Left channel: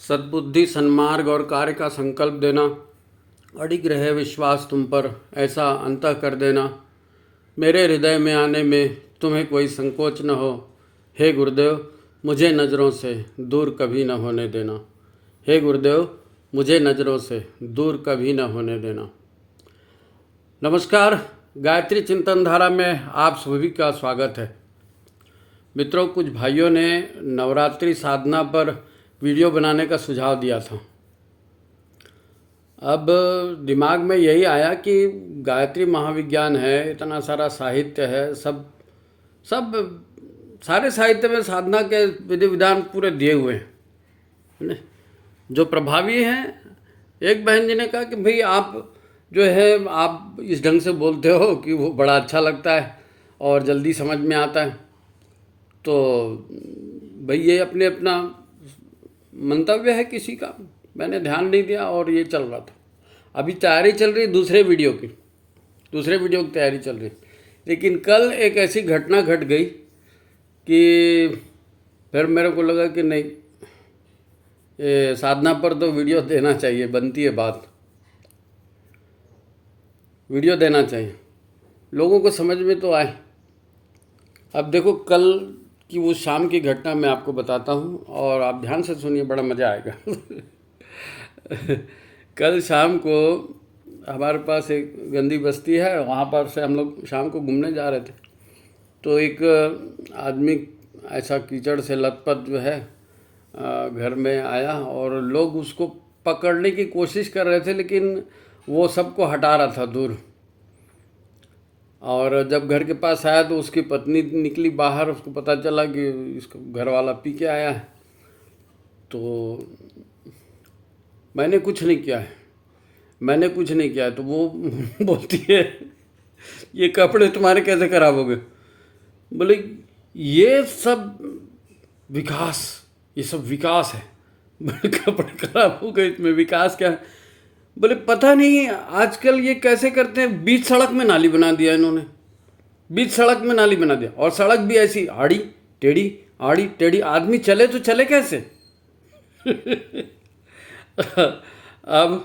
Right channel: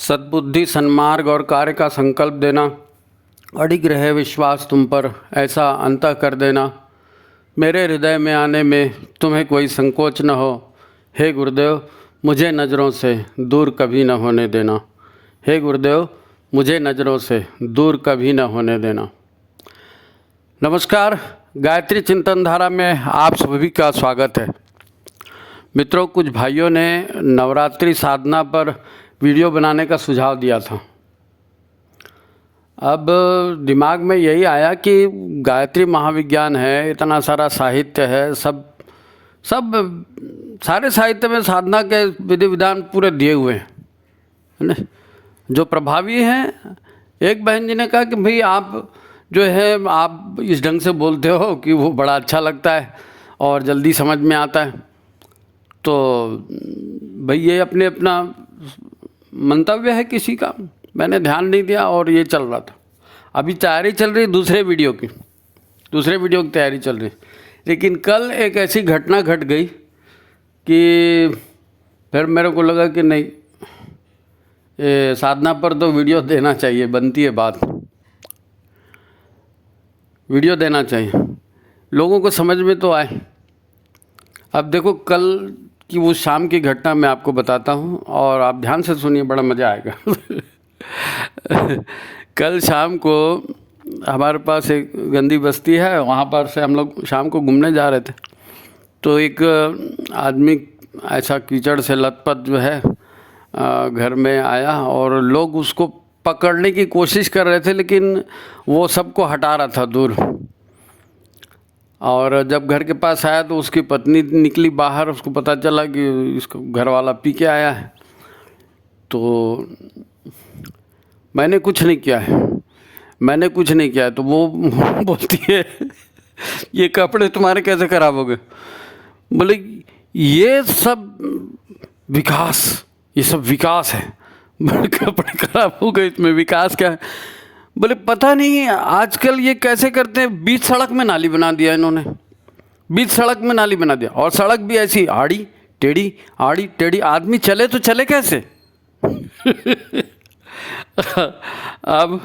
सद्बुद्धि, सन्मार्ग और कार्य का संकल्प देना, अडिग रहे विश्वास तुम पर, ऐसा अंतः कर देना। मेरे हृदय में आने में तुम्हें कोई संकोच न हो। हे गुरुदेव, मुझे नज़रों से दूर कभी न होने देना। हे गुरुदेव, मुझे नज़रों से दूर कभी न होने देना। नमस्कार, गायत्री चिंतन धारा में आप सभी का स्वागत है। मित्रों, कुछ भाइयों ने नवरात्रि साधना पर वीडियो बनाने का सुझाव दिया था। अब दिमाग में यही आया कि गायत्री महाविज्ञान है, इतना सारा साहित्य है, सारे साहित्य में साधना के विधि विधान पूरे दिए हुए हैं, है ना, जो प्रभावी हैं। एक बहन जी ने कहा कि भाई आप जो है आप इस ढंग से बोलते हो कि वो बड़ा अच्छा लगता है और जल्दी समझ में आता है। तो भाई ये अपना मंतव्य है किसी का, मैंने ध्यान नहीं दिया और ये चल रहा था। अभी तैयारी चल रही दूसरे वीडियो की तैयारी चल रही। लेकिन कल एक ऐसी घटना घट गई कि फिर मेरे को लगा कि नहीं, ये साधना पर तो वीडियो देना चाहिए, बनती है बात, वीडियो देना चाहिए, लोगों को समझ में तो आए। अब देखो, कल कि वो शाम की घटना मैं आपको बताता हूँ और आप ध्यान से सुनिए, बड़ा मज़ा आएगा। कल शाम को हमारे पास एक गंदी बस्ती है, वहाँ पर से हम लोग शाम को घूमने जा रहे थे। तो एक आदमी ऐसा कीचड़ से लथपथ जो है घर में आया और लोग उसको पकड़ने की कोशिश कर रहे थे, लेकिन वो सबको हटा रहा था दूर। और जब घर के पास आया तो उसकी पत्नी निकली बाहर, उसको पता चला कि इसको घर वाला पी के आया है। तो मैंने कुछ नहीं किया है, तो वो बोलती है ये कपड़े तुम्हारे कैसे खराब हो गए? बोले ये सब विकास है। बोले कपड़े खराब हो गए, इसमें विकास क्या है? बोले पता नहीं आजकल ये कैसे करते हैं, बीच सड़क में नाली बना दिया इन्होंने, और सड़क भी ऐसी आड़ी टेढ़ी, आदमी चले तो चले कैसे? अब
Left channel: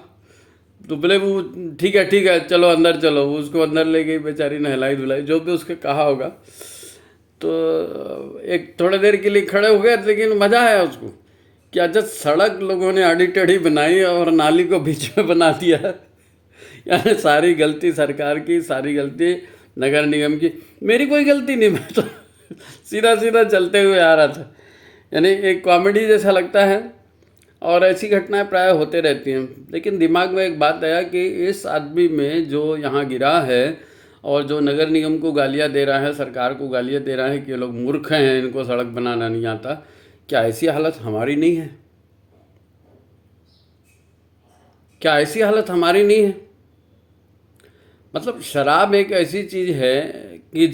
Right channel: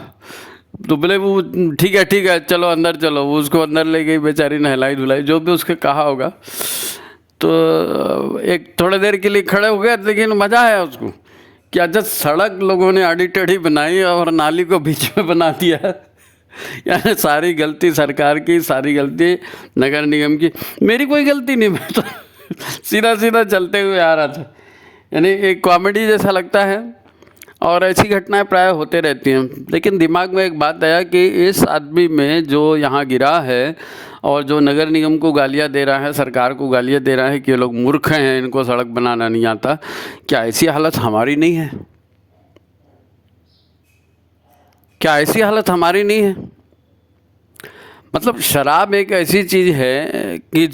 तो बोले वो ठीक है चलो अंदर चलो। वो उसको अंदर ले गई, बेचारी नहलाई धुलाई, जो भी उसके कहा होगा। तो एक थोड़ी देर के लिए खड़े हो गए, लेकिन मज़ा आया उसको कि अच्छा सड़क लोगों ने आड़ी टेढ़ी बनाई और नाली को बीच में बना दिया। यानी सारी गलती सरकार की, सारी गलती नगर निगम की, मेरी कोई गलती नहीं। मैं तो सीधा चलते हुए आ रहा था। यानी एक कॉमेडी जैसा लगता है और ऐसी घटनाएं प्राय होते रहती हैं। लेकिन दिमाग में एक बात आया कि इस आदमी में जो यहाँ गिरा है और जो नगर निगम को गालियाँ दे रहा है, सरकार को गालियाँ दे रहा है कि ये लोग मूर्ख हैं, इनको सड़क बनाना नहीं आता, क्या ऐसी हालत हमारी नहीं है? मतलब शराब एक ऐसी चीज़ है कि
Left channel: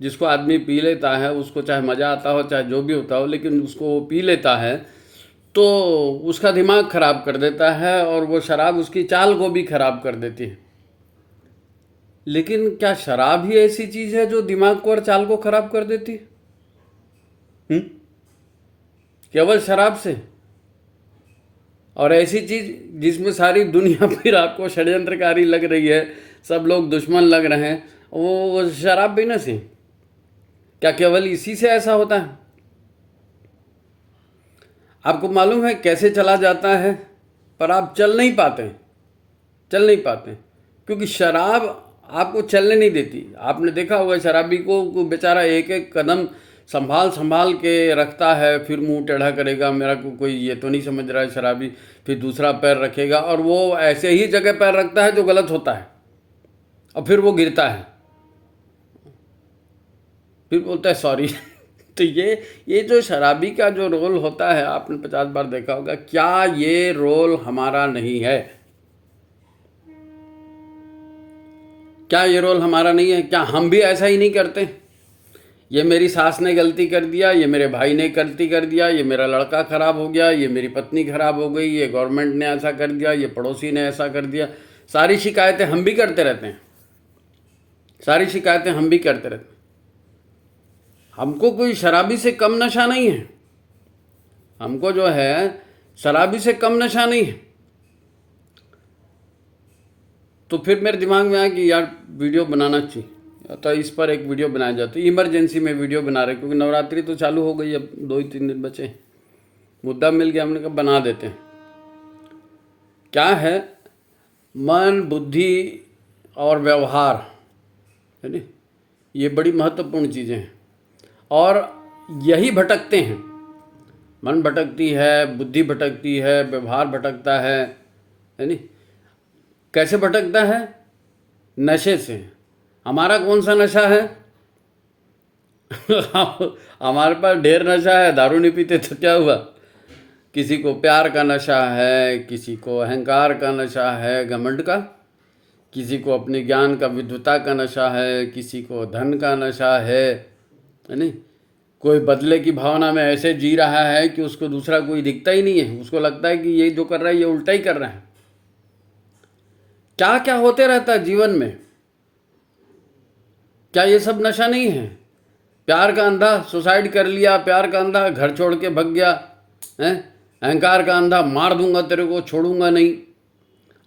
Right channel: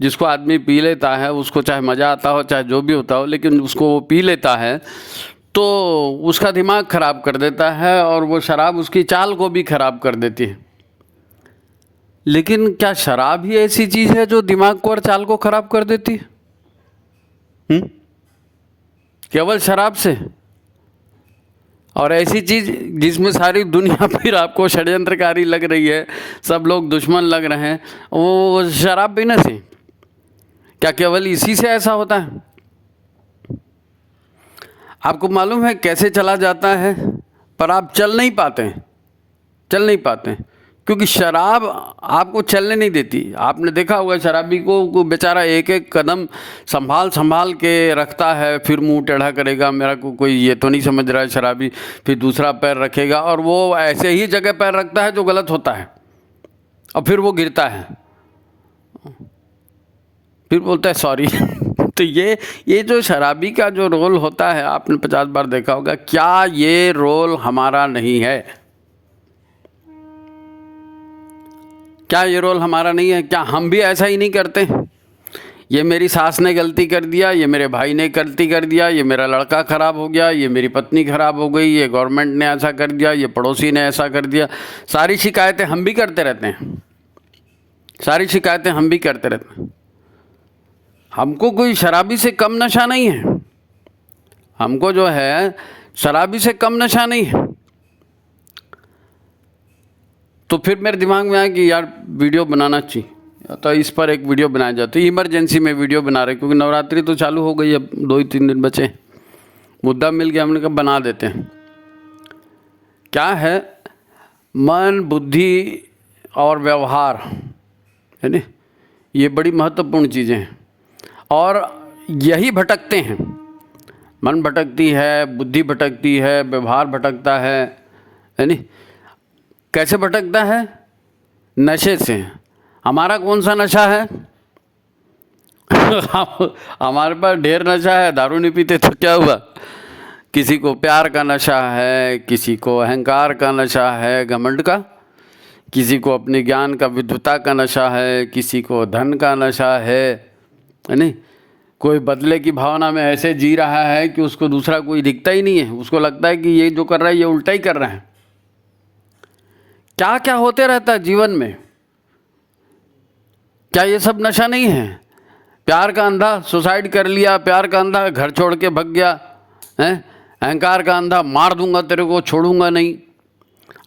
जिसको आदमी पी लेता है, उसको चाहे मज़ा आता हो चाहे जो भी होता हो, लेकिन उसको वो पी लेता है तो उसका दिमाग ख़राब कर देता है और वो शराब उसकी चाल को भी ख़राब कर देती है। लेकिन क्या शराब ही ऐसी चीज़ है जो दिमाग को और चाल को ख़राब कर देती है? केवल शराब से? और ऐसी चीज़ जिसमें सारी दुनिया फिर आपको षड्यंत्रकारी लग रही है, सब लोग दुश्मन लग रहे हैं, वो शराब पीने से? क्या केवल इसी से ऐसा होता है? आपको मालूम है कैसे चला जाता है, पर आप चल नहीं पाते हैं क्योंकि शराब आपको चलने नहीं देती। आपने देखा होगा शराबी को बेचारा एक कदम संभाल के रखता है, फिर मुंह टेढ़ा करेगा, मेरा को कोई ये तो नहीं समझ रहा है शराबी, फिर दूसरा पैर रखेगा और वो ऐसे ही जगह पैर रखता है जो गलत होता है और फिर वो गिरता है, फिर बोलता है सॉरी। तो ये जो शराबी का जो रोल होता है, आपने 50 बार देखा होगा। क्या ये रोल हमारा नहीं है? क्या हम भी ऐसा ही नहीं करते? ये मेरी सास ने गलती कर दिया, ये मेरे भाई ने गलती कर दिया, ये मेरा लड़का ख़राब हो गया, ये मेरी पत्नी ख़राब हो गई, ये गवर्नमेंट ने ऐसा कर दिया, ये पड़ोसी ने ऐसा कर दिया। सारी शिकायतें हम भी करते रहते हैं। हमको कोई शराबी से कम नशा नहीं है। हमको जो है शराबी से कम नशा नहीं है। तो फिर मेरे दिमाग में आया कि यार वीडियो बनाना चाहिए, तो इस पर एक वीडियो बनाया जाता है। इमरजेंसी में वीडियो बना रहे, क्योंकि नवरात्रि तो चालू हो गई, अब 2 ही 3 दिन बचे, मुद्दा मिल गया, हमने कहा बना देते हैं। क्या है, मन, बुद्धि और व्यवहार है ना, ये बड़ी महत्वपूर्ण चीज़ें हैं, और यही भटकते हैं। मन भटकती है, बुद्धि भटकती है, व्यवहार भटकता है नी। कैसे भटकता है? नशे से। हमारा कौन सा नशा है? हमारे पास ढेर नशा है, दारू नहीं पीते तो क्या हुआ? किसी को प्यार का नशा है, किसी को अहंकार का नशा है, घमंड का, किसी को अपने ज्ञान का, विद्वता का नशा है, किसी को धन का नशा है नहीं। कोई बदले की भावना में ऐसे जी रहा है कि उसको दूसरा कोई दिखता ही नहीं है, उसको लगता है कि ये जो कर रहा है ये उल्टा ही कर रहा है। क्या क्या होते रहता है जीवन में, क्या ये सब नशा नहीं है? प्यार का अंधा सुसाइड कर लिया, प्यार का अंधा घर छोड़ के भग गया है, अहंकार का अंधा मार दूंगा तेरे को, छोड़ूंगा नहीं,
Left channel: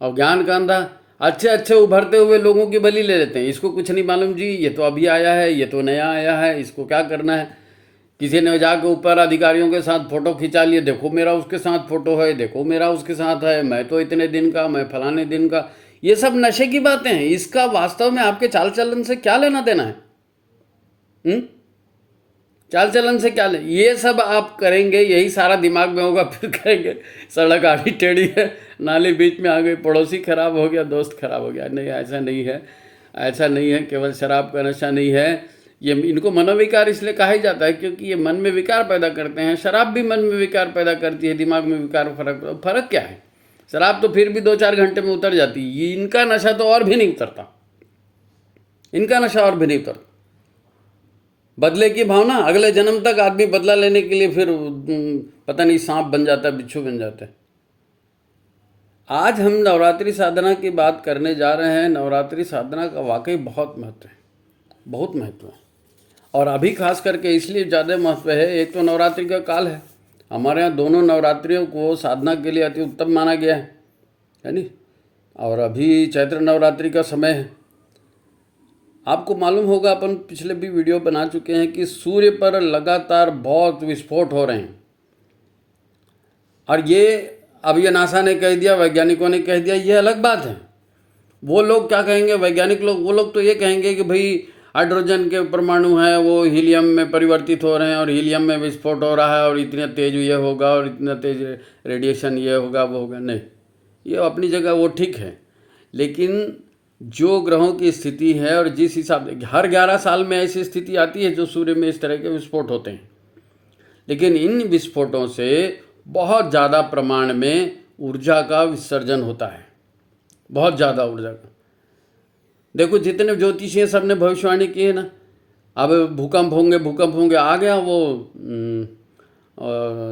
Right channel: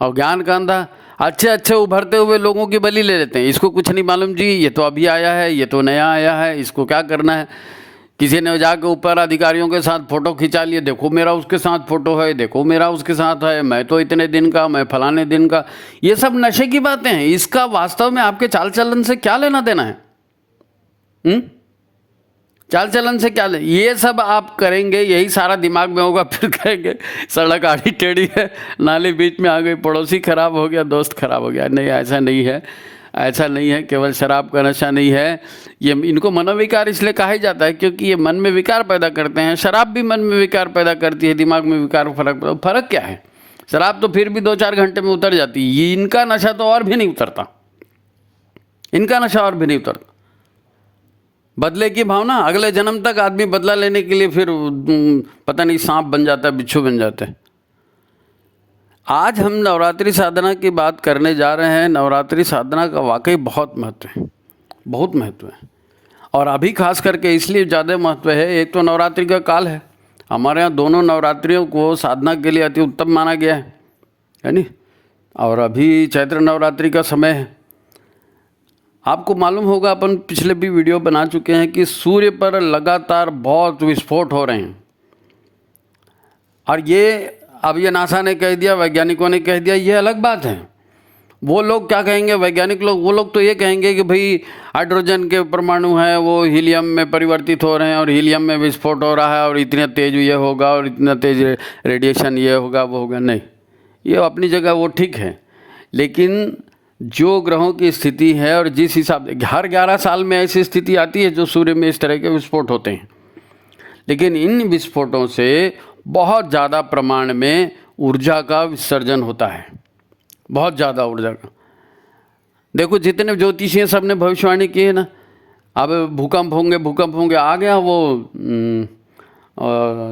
और ज्ञान का अंधा अच्छे अच्छे उभरते हुए लोगों की बलि ले लेते हैं। इसको कुछ नहीं मालूम जी, ये तो अभी आया है, ये तो नया आया है, इसको क्या करना है। किसी ने जाके ऊपर अधिकारियों के साथ फ़ोटो खिंचा लिए, देखो मेरा उसके साथ फ़ोटो है, देखो मेरा उसके साथ है, मैं तो इतने दिन का, मैं फलाने दिन का। ये सब नशे की बातें हैं, इसका वास्तव में आपके चाल चलन से क्या लेना देना है? चाल चलन से क्या ले, ये सब आप करेंगे, यही सारा दिमाग में होगा, फिर कहेंगे सड़क आड़ी टेढ़ी है, नाली बीच में आ गई, पड़ोसी खराब हो गया, दोस्त खराब हो गया। नहीं, ऐसा नहीं है, ऐसा नहीं है। केवल शराब का नशा नहीं है, ये इनको मनोविकार इसलिए कहा ही जाता है क्योंकि ये मन में विकार पैदा करते हैं। शराब भी मन में विकार पैदा करती है, दिमाग में विकार, फर्क क्या है? शराब तो फिर भी 2-4 घंटे में उतर जाती है, इनका नशा तो और भी नहीं उतरता, इनका नशा और भी नहीं उतरता। बदले की भावना, अगले जन्म तक आदमी बदला लेने के लिए फिर पता नहीं सांप बन जाता है, बिच्छू बन जाता है। आज हम नवरात्रि साधना की बात करने जा रहे हैं। नवरात्रि साधना का वाकई बहुत महत्व है, बहुत महत्व है, और अभी खास करके इसलिए ज़्यादा महत्व है। एक तो नवरात्रि का काल है, हमारे यहाँ दोनों नवरात्रियों को साधना के लिए अति उत्तम माना गया है नी। और अभी चैत्र नवरात्रि का समय है। आपको मालूम होगा, अपन पिछले भी वीडियो बना चुके हैं कि सूर्य पर लगातार बहुत विस्फोट हो रहे हैं, और ये अब ये नासा ने कह दिया, वैज्ञानिकों ने कह दिया, ये अलग बात है। वो लोग क्या कहेंगे, वैज्ञानिक लोग, वो लोग तो ये कहेंगे कि भाई हाइड्रोजन के परमाणु हैं वो हीलियम में परिवर्तित हो रहे हैं, और हीलियम में विस्फोट हो रहा है, और इतना तेज ये होगा, और इतना तेज रेडिएशन ये होगा, वो होगा। नहीं, ये अपनी जगह वो ठीक है, लेकिन जो ग्रहों की स्थिति है और जिस हिसाब से हर 11 साल में ऐसी स्थिति आती है जो सूर्य में इस तरह के विस्फोट होते हैं, लेकिन इन विस्फोटों से बहुत ज़्यादा प्रमाण में ऊर्जा का विसर्जन होता है, बहुत ज़्यादा ऊर्जा का। देखो जितने ज्योतिषी सब ने भविष्यवाणी की है ना, अब भूकंप होंगे, आ गया वो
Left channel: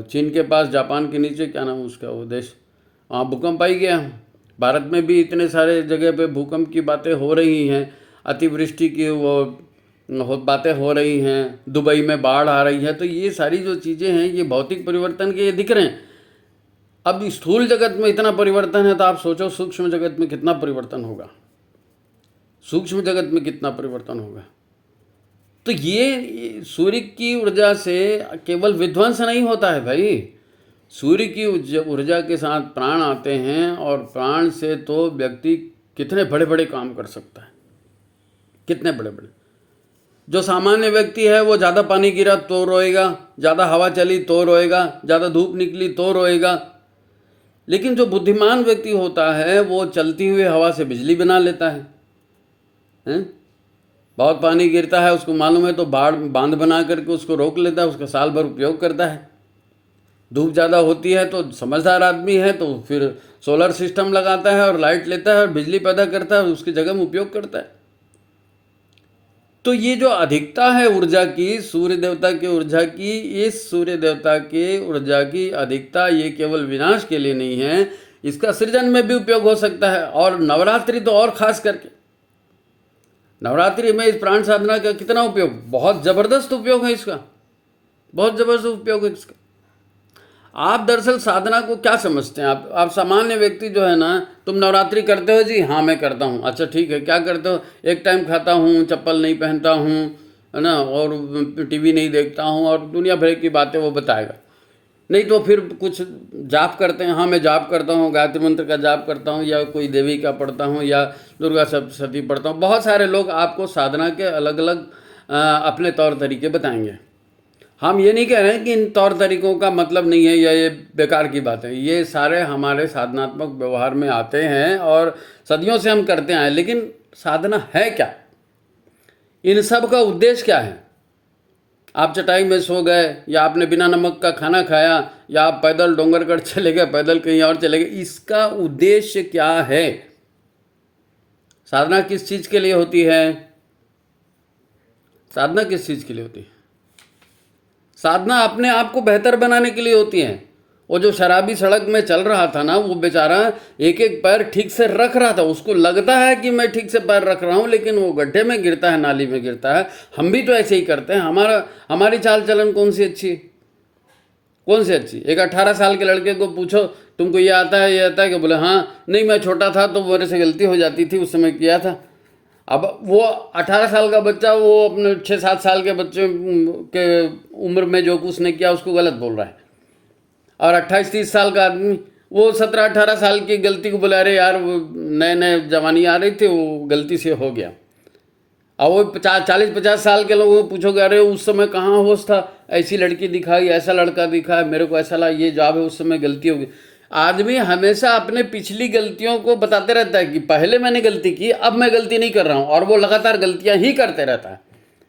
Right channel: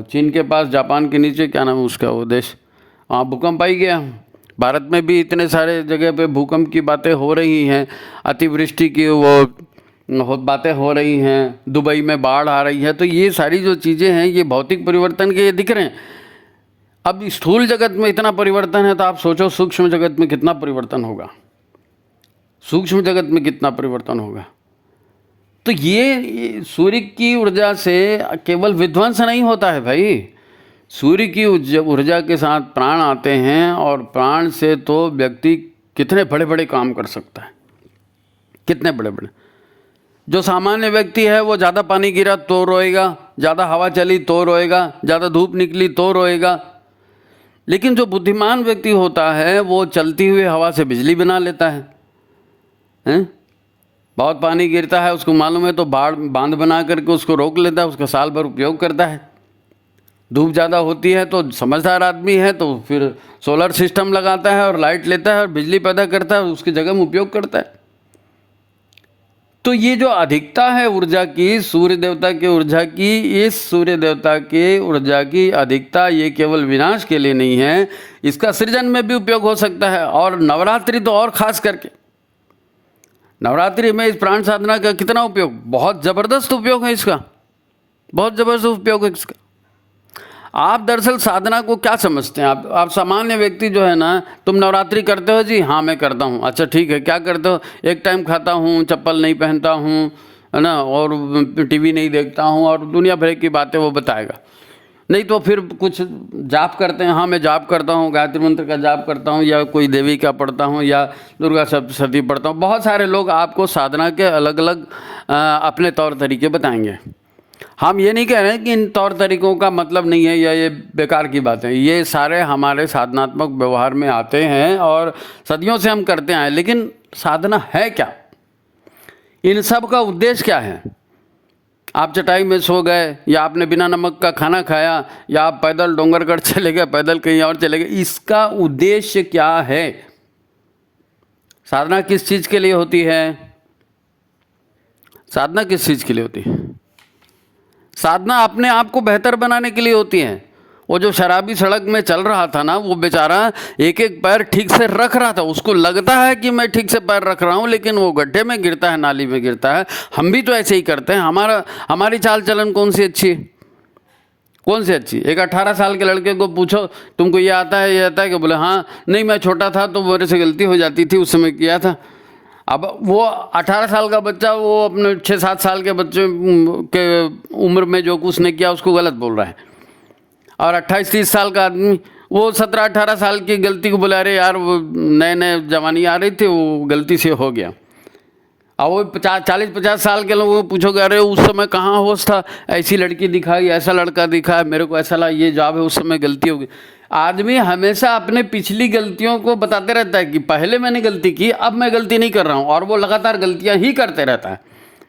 चीन के पास, जापान के नीचे, क्या नाम है उसका वो देश, वहाँ भूकंप आ ही गया। भारत में भी इतने सारे जगह पे भूकंप की बातें हो रही हैं, अतिवृष्टि की वो बातें हो रही हैं, दुबई में बाढ़ आ रही है। तो ये सारी जो चीज़ें हैं ये भौतिक परिवर्तन के दिख रहे हैं। अब स्थूल जगत में इतना परिवर्तन है, तो आप सोचो सूक्ष्म जगत में कितना परिवर्तन होगा, सूक्ष्म जगत में कितना परिवर्तन होगा। तो ये सूर्य की ऊर्जा से केवल विध्वंस नहीं होता है भाई, सूर्य की ऊर्जा के साथ प्राण आते हैं, और प्राण से तो व्यक्ति कितने बड़े बड़े काम कर सकता है, कितने बड़े बड़े। जो सामान्य व्यक्ति है वो ज़्यादा पानी गिरा तो रोएगा, ज़्यादा हवा चली तो रोएगा, ज़्यादा धूप निकली तो रोएगा, लेकिन जो बुद्धिमान व्यक्ति होता है वो चलती हुई हवा से बिजली बना लेता है, हैं? बहुत पानी गिरता है, उसको मालूम है, तो बांध बना करके उसको रोक लेता है, उसका साल भर उपयोग करता है। धूप ज़्यादा होती है तो समझदार आदमी है तो फिर सोलर सिस्टम लगाता है और लाइट लेता है और बिजली पैदा करता है, उसकी जगह में उपयोग करता है। तो ये जो अधिकता है ऊर्जा की, सूर्य देवता की ऊर्जा की, इस सूर्य देवता के ऊर्जा की अधिकता ये केवल विनाश के लिए नहीं है, इसका सृजन में भी उपयोग हो सकता है। और नवरात्रि तो और खास करके, नवरात्रि में इस प्राण साधना का कितना उपयोग, बहुत ज़बरदस्त उपयोग है इसका, बहुत ज़बरदस्त उपयोग है इसका। आप दरअसल साधना को क्या समझते हैं? आप सामान्य व्यक्ति जो है ना, तुम नवरात्रि करते हो जी? हाँ मैं करता हूँ। अच्छा ठीक है, क्या करते हो? एक टाइम खाता हूँ, चप्पल नहीं पहनता हूँ, है ना, और टीवी नहीं देखता हूँ, और दुनिया भर की बातें वो बताएगा। नहीं तो फिर कुछ जाप करते हैं, हाँ मैं जाप करता हूँ, गायत्री मंत्र का जाप करता हूँ, या कोई देवी का पढ़ता हूँ, या दुर्गा सप्तशती पढ़ता हूँ। बहुत सारे लोग आपको साधना के अलग अलग अपने तौर तरीके बताएंगे। हम ये नहीं कह रहे हैं कि इन तौर तरीकों का मतलब नहीं है या ये बेकार की बात है, ये सारे हमारे साधनात्मक व्यवहार में आते हैं और सदियों से हम करते आए। लेकिन साधना है क्या? इन सब का उद्देश्य क्या है? आप चटाई में सो गए, या आपने बिना नमक का खाना खाया, या आप पैदल डोंगरगढ़ चले गए, पैदल कहीं और चले गए, इसका उद्देश्य क्या है? साधना किस चीज़ के लिए होती है? साधना किस चीज़ के लिए होती है? साधना अपने आप को बेहतर बनाने के लिए होती है। वो जो शराबी सड़क में चल रहा था ना, वो बेचारा एक एक पैर ठीक से रख रहा था, उसको लगता है कि मैं ठीक से पैर रख रहा हूँ, लेकिन वो गड्ढे में गिरता है, नाली में गिरता है। हम भी तो ऐसे ही करते हैं। हमारी चाल चलन कौन सी अच्छी है? कौन सी अच्छी? एक 18 साल के लड़के को पूछो तुमको ये आता है, ये आता है? कि बोले हाँ नहीं मैं छोटा था तो मेरे से गलती हो जाती थी, उस समय किया था। अब वो 18 साल का बच्चा वो अपने 6-7 साल के बच्चे के उम्र में जो कुछ ने किया उसको गलत बोल रहा है, और 28-30 साल का आदमी वो 17-18 साल की गलती को बोला अरे यार वो नए नए जवानी आ रही थी, वो गलती से हो गया। और वो 40-50 साल के लोगों को पूछोगे अरे उस समय कहाँ होश था, ऐसी लड़की दिखाई, ऐसा लड़का दिखा, मेरे को ऐसा लगा ये जॉब है, उस समय गलती होगी। आदमी हमेशा अपने पिछली गलतियों को बताते रहता है कि पहले मैंने गलती की, अब मैं गलती नहीं कर रहा हूँ, और वो लगातार गलतियाँ ही करते रहता है।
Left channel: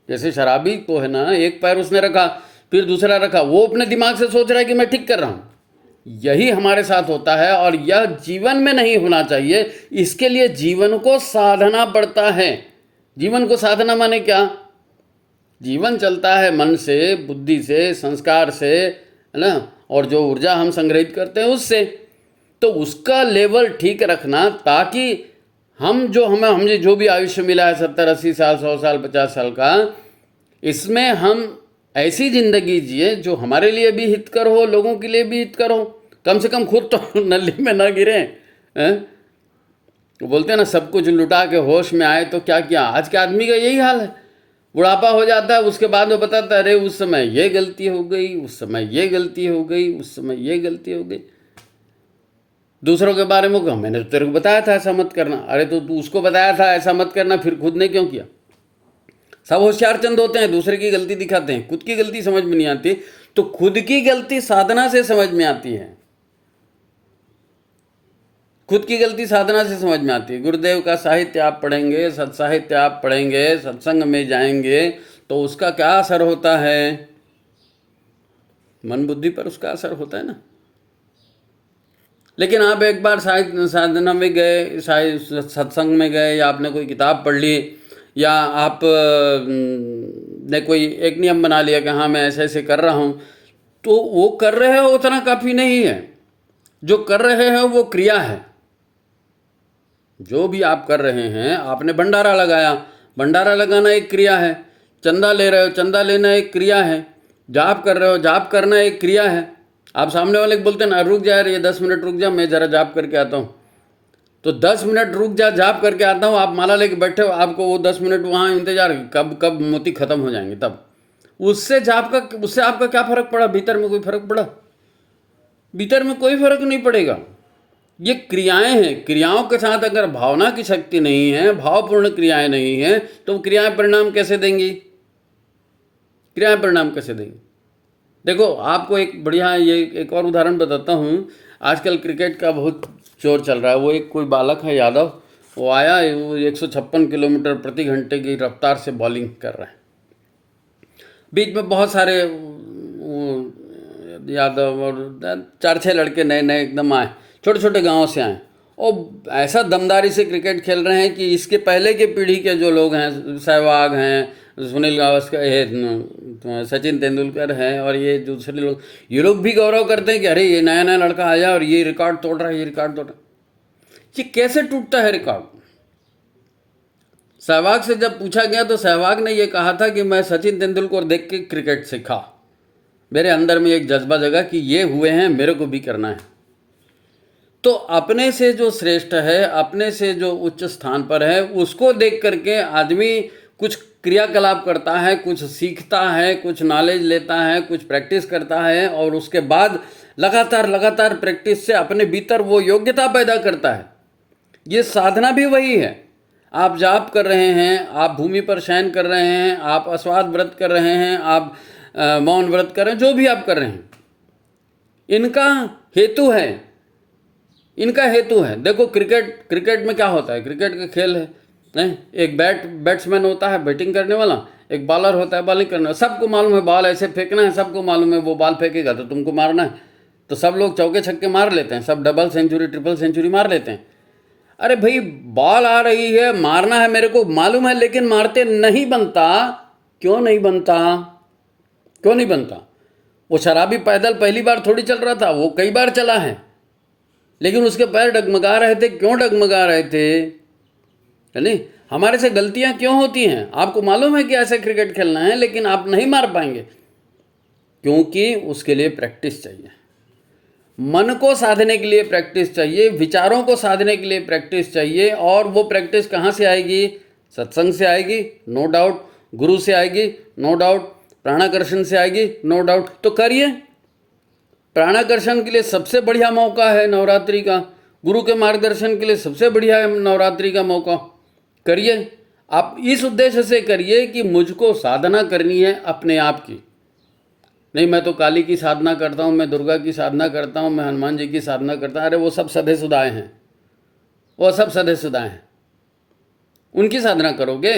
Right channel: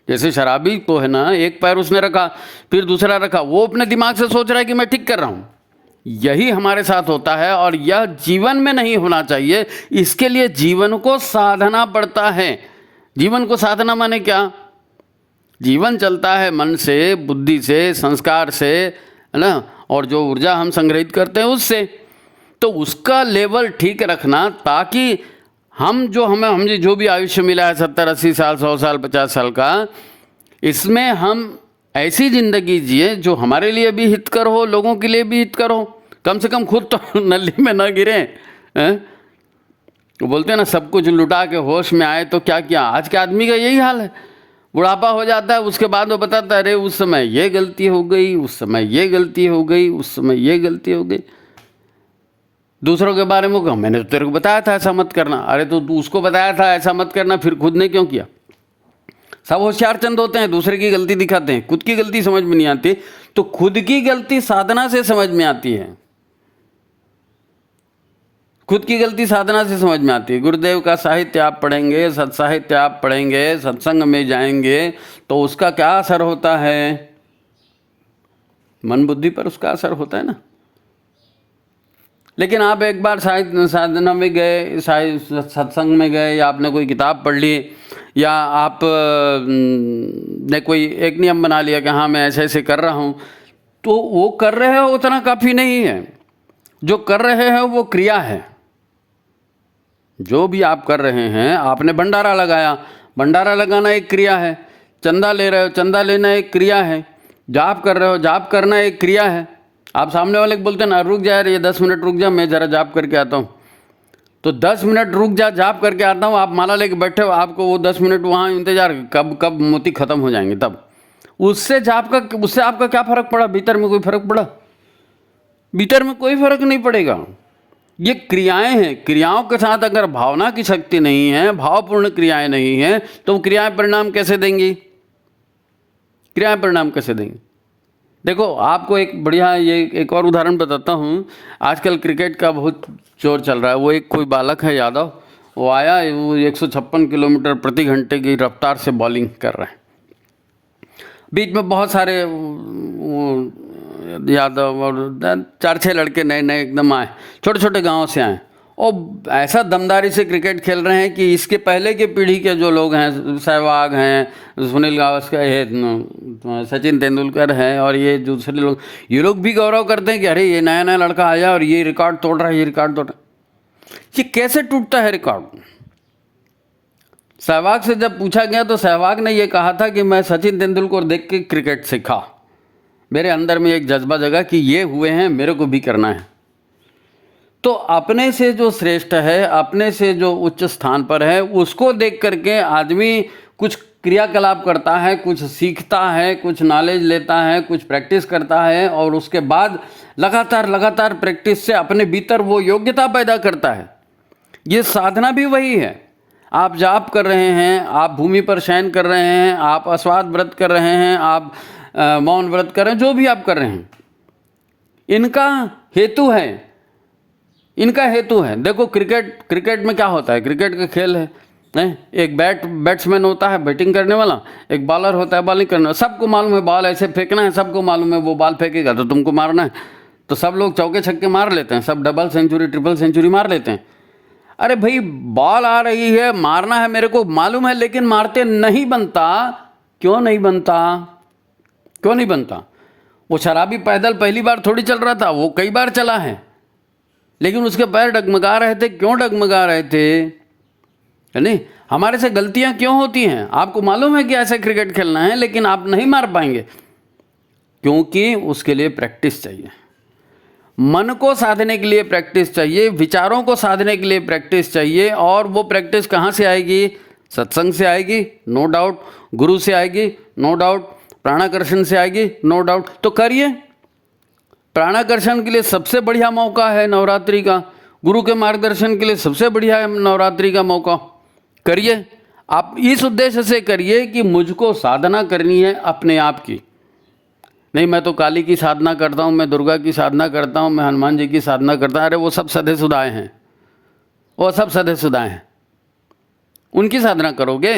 जैसे शराबी को है ना, एक पैर उसने रखा फिर दूसरा रखा, वो अपने दिमाग से सोच रहा है कि मैं ठीक कर रहा हूँ। यही हमारे साथ होता है, और यह जीवन में नहीं होना चाहिए। इसके लिए जीवन को साधना पड़ता है। जीवन को साधना माने क्या? जीवन चलता है मन से, बुद्धि से, संस्कार से, है ना, और जो ऊर्जा हम संग्रहित करते हैं उससे। तो उसका लेवल ठीक रखना, ताकि हम हमें जो भी आयुष्य मिला है 70-80 साल, 100 साल, 50 साल का, इसमें हम ऐसी जिंदगी जिए जो हमारे लिए भी हितकर हो, लोगों के लिए भी हितकर हो। कम से कम खुद तो नली में ना गिरे। वो बोलते हैं ना, सब कुछ लुटा के होश में आए तो क्या किया। आज के आदमी का यही हाल है। बुढ़ापा हो जाता है, उसके बाद वो बताता है अरे उस समय ये गलती हो गई, उस समय ये गलती हो गई, उस समय ये गलती हो गई। दूसरों के बारे में कहो मैंने तो तेरे को बताया था ऐसा मत करना। अरे तो तू उसको बताया था ऐसा मत करना, फिर खुद ने क्यों किया? सब होशियार चंद होते हैं, दूसरे की गलती दिखाते हैं, खुद की गलती समझ में नहीं आती। तो खुद की गलती साधना से समझ में आती है। खुद की गलती साधना से समझ में आती है। गुरुदेव का साहित्य आप पढ़ेंगे, सत्साहित्य आप पढ़ेंगे, सत्संग में जाएंगे, तो उसका क्या असर होता है? मन बुद्धि पर उसका असर होता है ना। लेकिन आप एक बार साधना में गए, सत्संग में गए, या आपने कोई किताब पढ़ ली, या आप ने कोई एक नियम बना लिया कि हाँ मैं ऐसे ऐसे कर रहा हूँ, तो वो कर रहे हो उतना काफ़ी नहीं है। जो कर रहे हैं वो क्रिया है। जो भी आप कर रहे हैं, आपने भंडारा लगाया, भंडारा लगाना एक क्रिया है। चंदा ले रहे हो, चंदा लेना एक क्रिया है। जाप कर रहे हो, जाप करना एक क्रिया है। आप सामने वाले को बोलते हैं ना रुक जा ये 10 मिनट रुक जा, मैं ज़रा जाप करके आता हूँ, तो 10 मिनट रुक जा, जाप करके आता हूँ। आप माला लेके बैठे हो, आपको वो 10 मिनट वहाँ इंतजार, कब मोती खत्म हो जाएंगे तब। उससे आपका क्या फ़र्क पड़ा? भीतर में कोई फ़र्क पड़ा? भीतर में कोई फ़र्क नहीं पड़ेगा। ये क्रियाएं हैं। क्रियाओं के साथ अगर भावना की शक्ति नहीं है, भावपूर्ण क्रियाएं नहीं हैं, तो क्रियाएं परिणाम कैसे देंगी? क्रियाएं परिणाम कैसे देंगी? देखो आपको एक बढ़िया ये एक और उदाहरण बताता हूँ। आजकल क्रिकेट का बहुत जोर चल रहा है। वो एक कोई बालक है यादव, वो आया, वो 156 किलोमीटर प्रति घंटे की रफ्तार से बॉलिंग कर रहा है। बीच में बहुत सारे वो यादव और 4-6 लड़के नए नए एकदम आए, छोटे छोटे गांवों से आए, और ऐसा दमदारी से क्रिकेट खेल रहे हैं कि इसके पहले के पीढ़ी के जो लोग हैं, सहवाग हैं, सुनील गावस्कर है, सचिन तेंदुलकर हैं, और ये दूसरे लोग, ये लोग भी गौरव करते हैं कि अरे ये नया नया लड़का आया और ये रिकॉर्ड तोड़ रहा है, ये रिकॉर्ड तोड़ रहा है। ये कैसे टूटता है रिकॉर्ड? सहवाग से जब पूछा गया तो सहवाग ने ये कहा था कि मैं सचिन तेंदुलकर देख के क्रिकेट सीखा, मेरे अंदर में एक जज्बा जगा कि ये हुए हैं, मेरे को भी करना है। तो अपने से जो श्रेष्ठ है, अपने से जो उच्च स्थान पर है, उसको देख करके आदमी कुछ क्रियाकलाप करता है, कुछ सीखता है, कुछ नॉलेज लेता है, कुछ प्रैक्टिस करता है, और उसके बाद लगातार लगातार प्रैक्टिस से अपने भीतर वो योग्यता पैदा करता है। ये साधना भी वही है। आप जाप कर रहे हैं, आप भूमि पर शयन कर रहे हैं, आप अस्वाद व्रत कर रहे हैं, आप मौन व्रत कर रहे हैं, जो भी आप कर रहे हैं, इनका हेतु है, इनका हेतु है। देखो क्रिकेट में क्या होता है, क्रिकेट का खेल है, एक बैट्समैन होता है बैटिंग करने वाला, एक बॉलर होता है बॉलिंग करने वाला। सबको मालूम है बॉल ऐसे फेंकना है, सबको मालूम है वो बॉल फेंकेगा तो तुमको मारना है, तो सब लोग चौके छक्के मार लेते हैं, सब डबल सेंचुरी ट्रिपल सेंचुरी मार लेते हैं। अरे भाई, बॉल आ रही है, मारना है, मेरे को मालूम है, लेकिन मारते नहीं बनता। क्यों नहीं बनता? क्यों नहीं बनता? वो शराबी पैदल पहली बार थोड़ी चल रहा था, वो कई बार चला है, लेकिन उसके पैर डगमगा रहे थे। क्यों डगमगा रहे थे? है नहीं? हमारे से गलतियां क्यों होती हैं? आपको मालूम है कि ऐसे क्रिकेट खेलना है, लेकिन आप नहीं मार पाएंगे, क्योंकि उसके लिए प्रैक्टिस चाहिए। मन को साधने के लिए प्रैक्टिस चाहिए, विचारों को साधने के लिए प्रैक्टिस चाहिए। और वो प्रैक्टिस कहाँ से आएगी? सत्संग से आएगी, नो डाउट। गुरु से आएगी, नो डाउट। प्राणाकर्षण से आएगी, नो डाउट। तो करिए। प्राणाकर्षण के लिए सबसे बढ़िया मौका है नवरात्रि का, गुरु के मार्गदर्शन के लिए सबसे बढ़िया है नवरात्रि का मौका। करिए। आप इस उद्देश्य से करिए कि मुझको साधना करनी है अपने आप की। नहीं, मैं तो काली की साधना करता हूँ, मैं दुर्गा की साधना करता हूँ, मैं हनुमान जी की साधना करता हूँ। अरे वो सब सधे सुधाए हैं, वो सब सधे सुधाए हैं, उनकी साधना करोगे?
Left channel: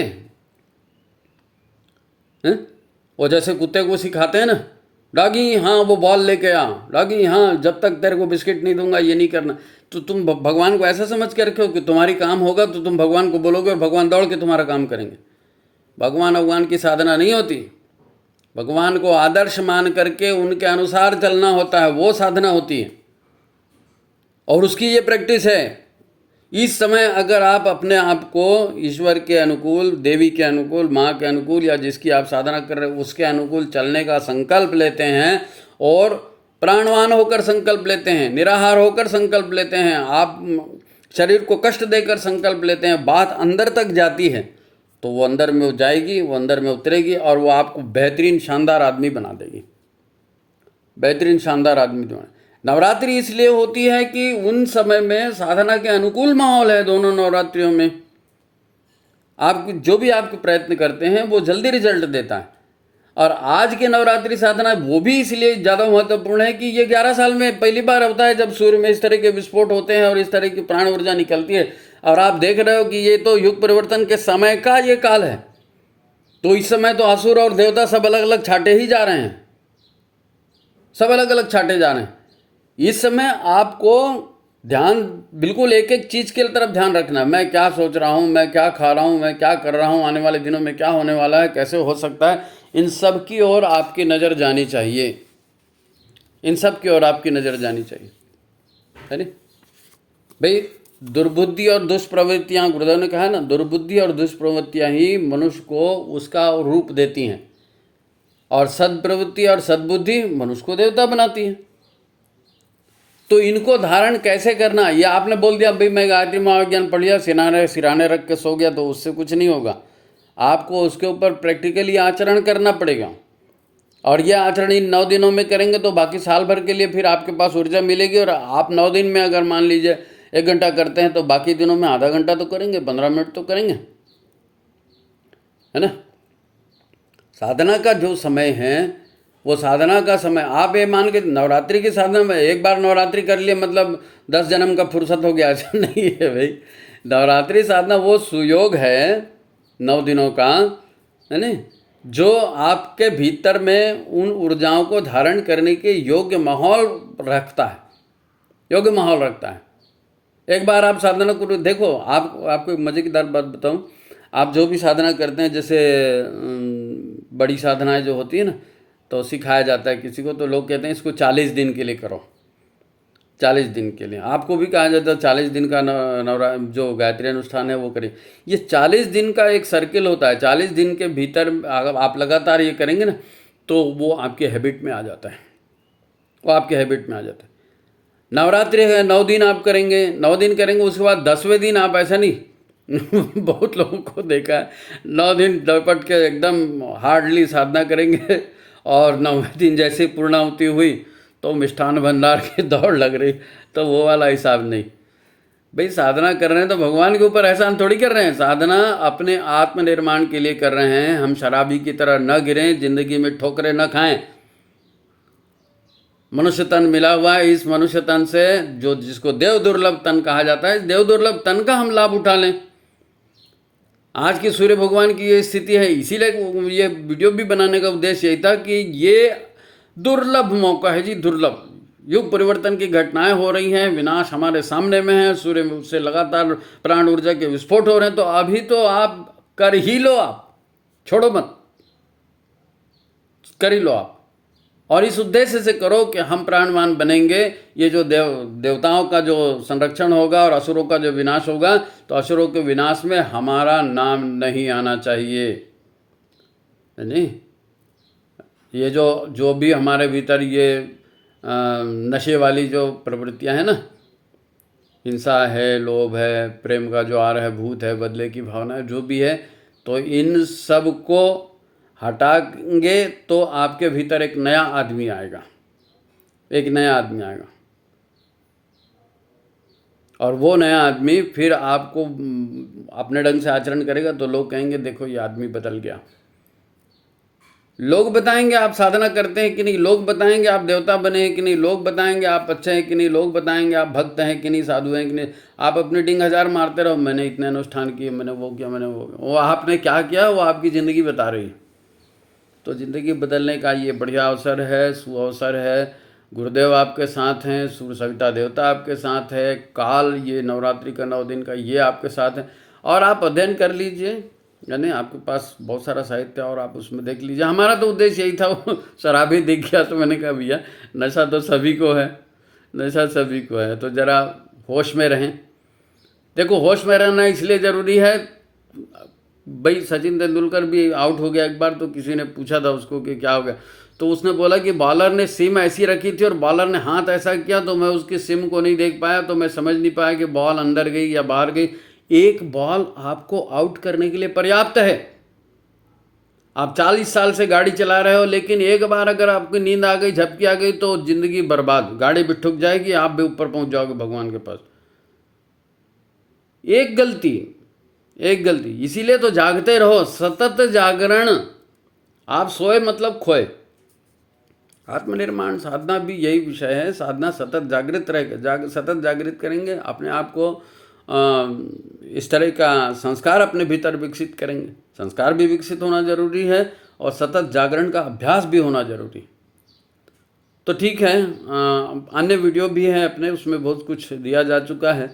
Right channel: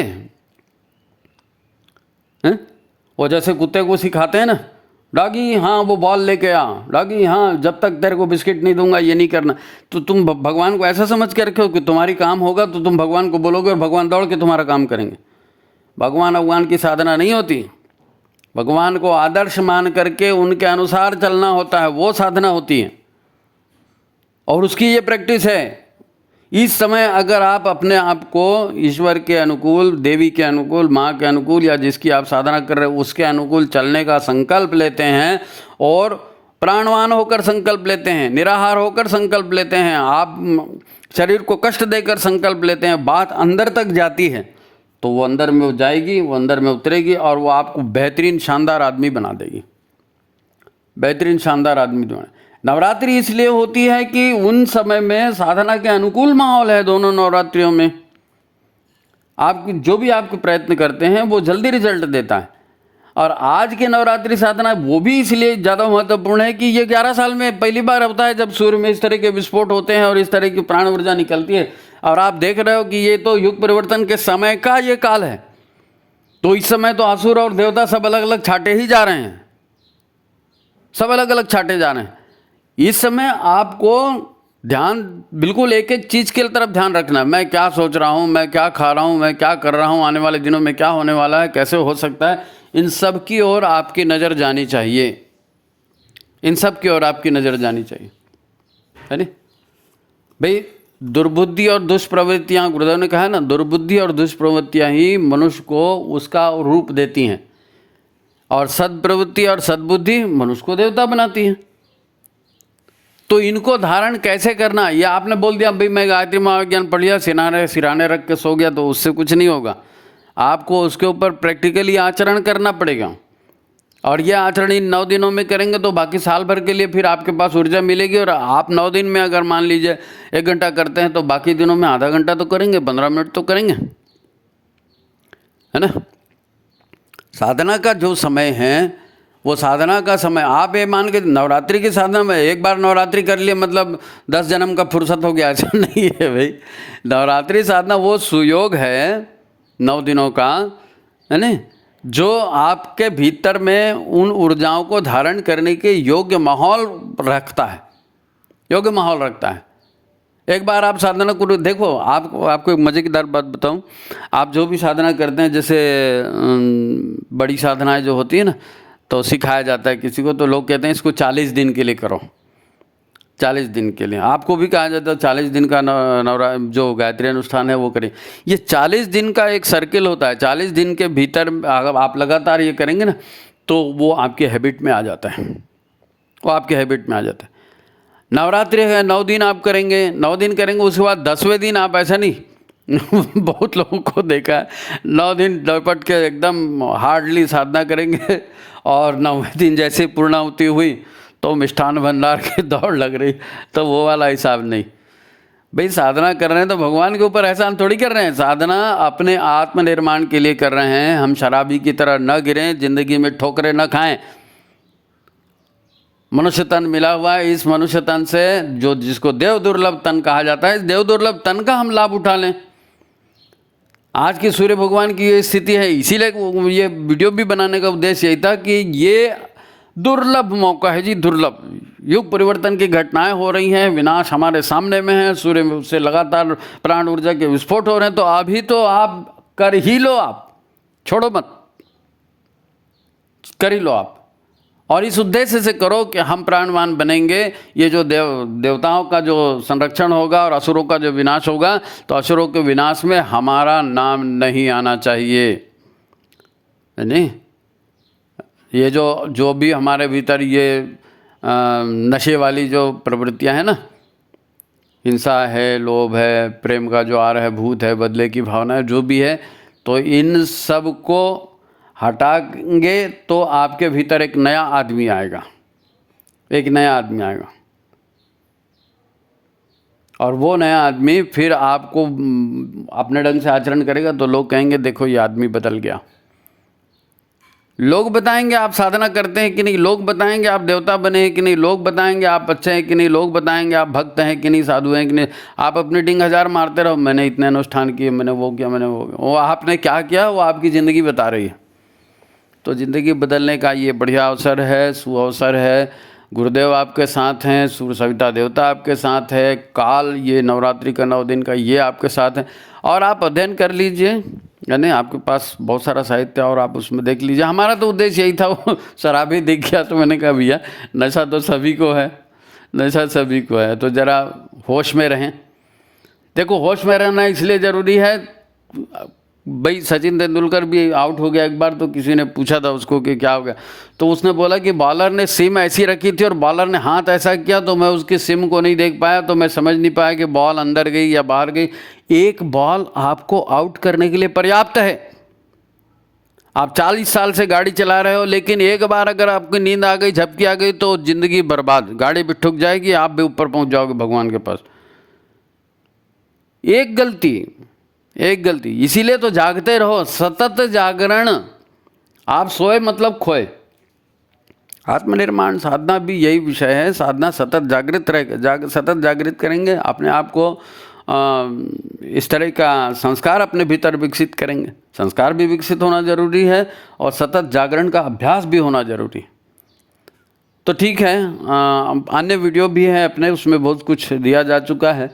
हैं? वो जैसे कुत्ते को सिखाते हैं ना, डॉगी हाँ वो बॉल लेके आ, डॉगी हाँ जब तक तेरे को बिस्किट नहीं दूंगा ये नहीं करना। तो तुम भगवान को ऐसा समझ के रखे हो कि तुम्हारी काम होगा तो तुम भगवान को बोलोगे और भगवान दौड़ के तुम्हारा काम करेंगे। भगवान की साधना नहीं होती। भगवान को आदर्श मान करके उनके अनुसार चलना होता है, वो साधना होती है, और उसकी ये प्रैक्टिस है। इस समय अगर आप अपने आप को ईश्वर के अनुकूल, देवी के अनुकूल, माँ के अनुकूल, या जिसकी आप साधना कर रहे हो उसके अनुकूल चलने का संकल्प लेते हैं, और प्राणवान होकर संकल्प लेते हैं, निराहार होकर संकल्प लेते हैं, आप शरीर को कष्ट देकर संकल्प लेते हैं, बात अंदर तक जाती है, तो वो अंदर में जाएगी, वो अंदर में उतरेगी, और वो आपको बेहतरीन शानदार आदमी बना देगी। बेहतरीन शानदार आदमी जो है। नवरात्रि इसलिए होती है कि उन समय में साधना के अनुकूल माहौल है। दोनों नवरात्रियों में आप जो भी आपके प्रयत्न करते हैं वो जल्दी रिजल्ट देता है। और आज के नवरात्रि साधना वो भी इसलिए ज़्यादा महत्वपूर्ण है कि ये 11 साल में पहली बार होता है जब सूर्य में इस तरह के विस्फोट होते हैं और इस तरह की प्राण ऊर्जा निकलती है। और आप देख रहे हो कि ये तो युग परिवर्तन के समय का ये काल है। तो इस समय तो असुर और देवता सब अलग अलग छाटे ही जा रहे हैं, सब अलग अलग छाटे जा रहे हैं। इस समय आपको ध्यान बिल्कुल एक एक चीज़ की तरफ ध्यान रखना है। मैं क्या सोच रहा हूँ, मैं क्या खा रहा हूँ, मैं क्या कर रहा हूँ, आने वाले दिनों में क्या होने वाला है, कैसे हो सकता है, इन सब की ओर आपकी नज़र जानी चाहिए। इन सब की ओर आपकी नज़र जानी चाहिए, है नहीं भाई? दुर्बुद्धि और दुष्प्रवृत्तियाँ, गुरुदेव ने कहा है ना, दुर्बुद्धि और दुष्प्रवृत्तियाँ ही मनुष्य को उसका रूप देती हैं, और सद्प्रवृत्ति और सद्बुद्धि मनुष्य को देवता बनाती है। तो इनको धारण कैसे करना? ये आपने बोल दिया भाई मैं गायत्री महाविज्ञान पढ़ लिया, सिराने रख के सो गया, तो उससे कुछ नहीं होगा। आपको उसके ऊपर प्रैक्टिकली आचरण करना पड़ेगा। और यह आचरण इन 9 दिनों में करेंगे तो बाकी साल भर के लिए फिर आपके पास ऊर्जा मिलेगी। और आप 9 दिन में अगर मान लीजिए 1 घंटा करते हैं तो बाकी दिनों में आधा घंटा तो करेंगे, 15 मिनट तो करेंगे, है ना? साधना का जो समय है वो साधना का समय, आप ये मान के नवरात्रि की साधना में एक बार नवरात्रि कर लिए मतलब 10 जन्म का फुर्सत हो गया, ऐसा नहीं है भाई। नवरात्रि साधना वो सुयोग है 9 दिनों का, है ना, जो आपके भीतर में उन ऊर्जाओं को धारण करने के योग्य माहौल रखता है, योग्य माहौल रखता है। एक बार आप साधना करो, देखो आपको एक मज़ेदार बात बताऊं। आप जो भी साधना करते हैं, जैसे बड़ी साधनाएं जो होती है ना, तो सिखाया जाता है किसी को, तो लोग कहते हैं इसको 40 दिन के लिए करो, 40 दिन के लिए। आपको भी कहा जाता है 40 दिन का जो गायत्री अनुष्ठान है वो करें। ये 40 दिन का एक सर्किल होता है। 40 दिन के भीतर आप लगातार ये करेंगे ना, तो वो आपके हैबिट में आ जाता है, वो आपके हैबिट में आ जाता है। नवरात्रि है, 9 दिन आप करेंगे, 9 दिन करेंगे, उसके बाद 10वें दिन आप ऐसा नहीं बहुत लोगों को देखा है 9 दिन लपट के एकदम हार्डली साधना करेंगे और 9वें दिन जैसे पूर्णाहुति हुई तो मिष्ठान भंडार की दौड़ लग रही, तो वो वाला हिसाब नहीं। भाई साधना कर रहे हैं तो भगवान के ऊपर एहसान थोड़ी कर रहे हैं, साधना अपने आत्मनिर्माण के लिए कर रहे हैं। हम शराबी की तरह न गिरें, जिंदगी में ठोकरें न खाएं। मनुष्य तन मिला हुआ है, इस मनुष्य तन से जो जिसको देव दुर्लभ तन कहा जाता है, इस देव दुर्लभ तन का हम लाभ उठा लें। आज की सूर्य भगवान की ये स्थिति है, इसीलिए ये वीडियो भी बनाने का उद्देश्य यही था कि ये दुर्लभ मौका है जी, दुर्लभ। युग परिवर्तन की घटनाएं हो रही हैं, विनाश हमारे सामने में है, सूर्य से लगातार प्राण ऊर्जा के विस्फोट हो रहे हैं, तो अभी तो आप कर ही लो, आप छोड़ो मत, कर ही लो आप। और इस उद्देश्य से करो कि हम प्राणवान बनेंगे। ये जो देवताओं का जो संरक्षण होगा और असुरों का जो विनाश होगा, तो असुरों के विनाश में हमारा नाम नहीं आना चाहिए, नहीं। ये जो भी हमारे भीतर ये नशे वाली जो प्रवृत्तियां हैं ना, हिंसा है, लोभ है, प्रेम का जो आ रहा है भूत है, बदले की भावना है, जो भी है, तो इन सब को हटाएंगे तो आपके भीतर एक नया आदमी आएगा, एक नया आदमी आएगा। और वो नया आदमी फिर आपको अपने ढंग से आचरण करेगा, तो लोग कहेंगे देखो ये आदमी बदल गया। लोग बताएंगे आप साधना करते हैं कि नहीं, लोग बताएंगे आप देवता बने हैं कि नहीं, लोग बताएंगे आप अच्छे हैं कि नहीं, लोग बताएंगे आप भक्त हैं कि नहीं, साधु हैं कि नहीं। आप अपनी डिंग हजार मारते रहो, मैंने इतने अनुष्ठान किए, मैंने वो किया, मैंने वो आपने क्या किया, वो आपकी ज़िंदगी बता रही है। तो ज़िंदगी बदलने का ये बढ़िया अवसर है, सुअवसर है। गुरुदेव आपके साथ हैं, सूर्य सविता देवता आपके साथ है, काल ये नवरात्रि का 9 दिन का ये आपके साथ है। और आप अध्ययन कर लीजिए, यानी आपके पास बहुत सारा साहित्य और आप उसमें देख लीजिए। हमारा तो उद्देश्य यही था, वो शराबी दिख गया तो मैंने कहा भैया नशा तो सभी को है, नशा सभी को है, तो ज़रा होश में रहें। देखो होश में रहना इसलिए ज़रूरी है, भाई सचिन तेंदुलकर भी आउट हो गया एक बार, तो किसी ने पूछा था उसको कि क्या हो गया, तो उसने बोला कि बॉलर ने सिम ऐसी रखी थी और बॉलर ने हाथ ऐसा किया, तो मैं उसकी सिम को नहीं देख पाया, तो मैं समझ नहीं पाया कि बॉल अंदर गई या बाहर गई। एक बॉल आपको आउट करने के लिए पर्याप्त है। आप 40 साल से गाड़ी चला रहे हो, लेकिन एक बार अगर आपकी नींद आ गई, झपकी आ गई, तो जिंदगी बर्बाद, गाड़ी भी ठुक जाएगी, आप भी ऊपर पहुंच जाओगे भगवान के पास। एक गलती, इसीलिए तो जागते रहो, सतत जागरण। आप सोए मतलब खोए। आत्मनिर्माण साधना भी यही विषय है, साधना सतत जागृत रहे, सतत जागृत करेंगे अपने आप को, इस तरह का संस्कार अपने भीतर विकसित करेंगे। संस्कार भी विकसित होना जरूरी है और सतत जागरण का अभ्यास भी होना जरूरी है। तो ठीक है, अन्य वीडियो भी हैं अपने, उसमें बहुत कुछ दिया जा चुका है।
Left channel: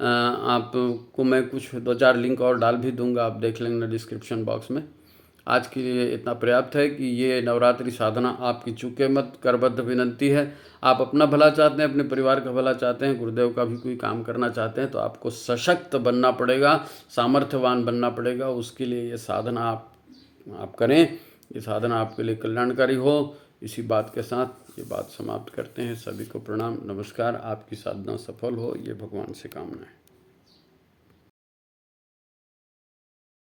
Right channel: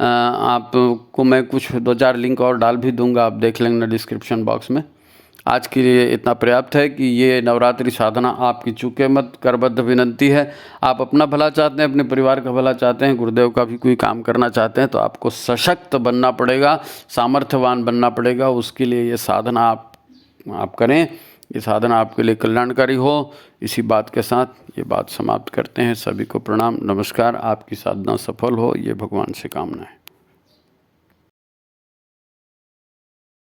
आपको मैं कुछ 2-4 लिंक और डाल भी दूंगा, आप देख लेंगे डिस्क्रिप्शन बॉक्स में। आज के लिए इतना पर्याप्त है कि ये नवरात्रि साधना आपकी चूके मत, करबद्ध विनंती है। आप अपना भला चाहते हैं, अपने परिवार का भला चाहते हैं, गुरुदेव का भी कोई काम करना चाहते हैं, तो आपको सशक्त बनना पड़ेगा, सामर्थ्यवान बनना पड़ेगा। उसके लिए ये साधना आप करें, ये साधना आपके लिए कल्याणकारी हो। इसी बात के साथ ये बात समाप्त करते हैं। सभी को प्रणाम, नमस्कार। आपकी साधना सफल हो, ये भगवान से कामना है।